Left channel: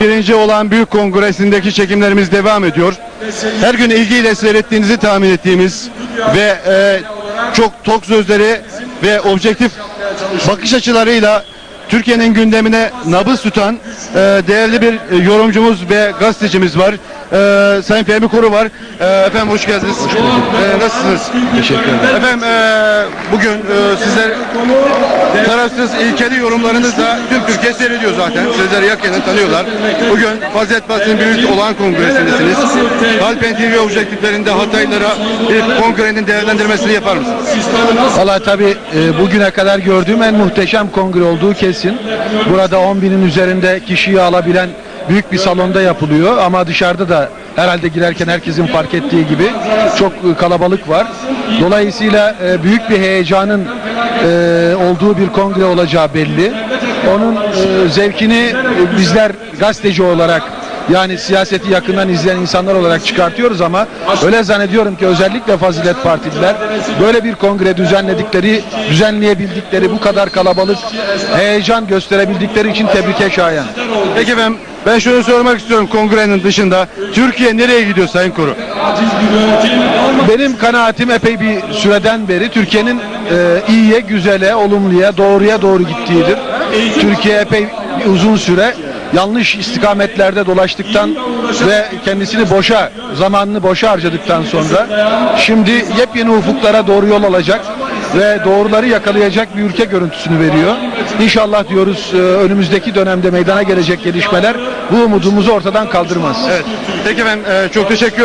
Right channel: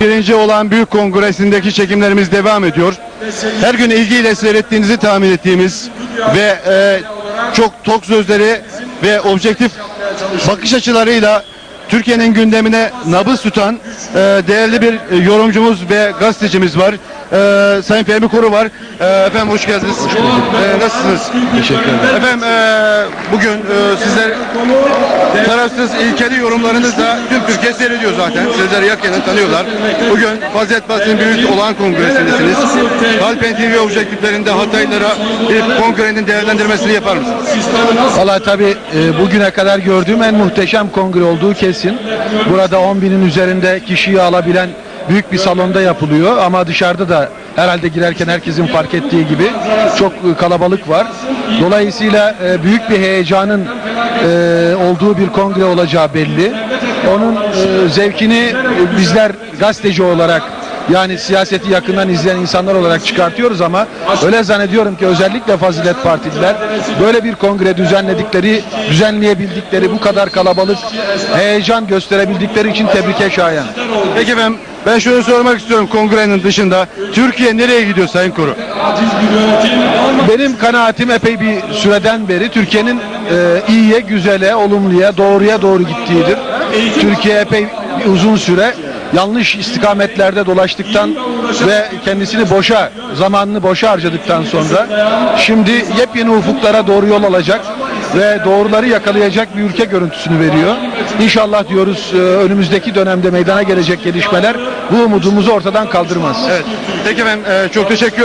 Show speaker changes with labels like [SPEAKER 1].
[SPEAKER 1] Birinci olan büyük kongresindeki çekimlerimiz devam ediyor. Her gün ilgiyle seyrettiğinizi tahmin ettiğimiz ve e, çok tok sözleri ve objektif bakış açılarıyla Türkiye'nin gündemine nabız tutan e, değerli bir e, yorumcumuz ve gazetecimiz var. E, Sayın Fehmi Koru var. E, efendim hoş geldiniz. E, nasılsınız? Teşekkür ederim. Efendim e, bugün e, sizler tarafsız ilkeli yorumlarınızla tüm Türkiye seyrediyor zaten. Sizleri yakinen tanıyorlar. Bugün Fazilet Partisi'nin büyük olan kongresindesiniz. Halpen TV objektiflerinde Hataylılara bir kongrenin değerlendirmesini yapar mısınız?
[SPEAKER 2] Valla tabii e, bugüne kadar gördüğüm en muhteşem kongre olduğu kesin. Burada 10 binin üzerinde kişiyi alabilen büyük bir salonda yapılıyor ama dışarıda da herhalde girerken herkesin fark ettiği gibi çok kalabalık var. Dolayısıyla e, büyük bir heyecanın e, olduğu bir kongre olacağı belli. Onun e, zevkini bizler gazeteci olarak yani siyaseti yakından izleyen insanlar olarak çıkartıyoruz ama öyle zannediyorum ki özellikle Fazilet Partililer böyle bir kongre düzenledikleri, düzenleyebildikleri bu kadar kalabalık heyecan gösterebildikleri için tebrike şayan.
[SPEAKER 1] Peki efendim ben şunu sormak istiyorum kongrenin dışında. Türkiye nereye gidiyor Sayın Koru?
[SPEAKER 2] Benim kanaatim epey bir süreden beri Türkiye'nin e, iyiye, güzele, olumluya, doğruya doğru gittiğidir. Türkiye epey uzun süre yanlış istikametlerde dolaştıktan ve kendisini boşa, zamanını boşa harcadıktan sonra şimdi yepyeni ufuklara doğru yol alacak ve doğruları yakalayacak bir ülke görüntüsünü veriyor. İnşallah diyoruz e, önümüzdeki dönemde meydana gelecek gelişmeler bu umudumuzu ortadan kaldırmaz.
[SPEAKER 1] Evet. Peki efendim e, çok teşekkür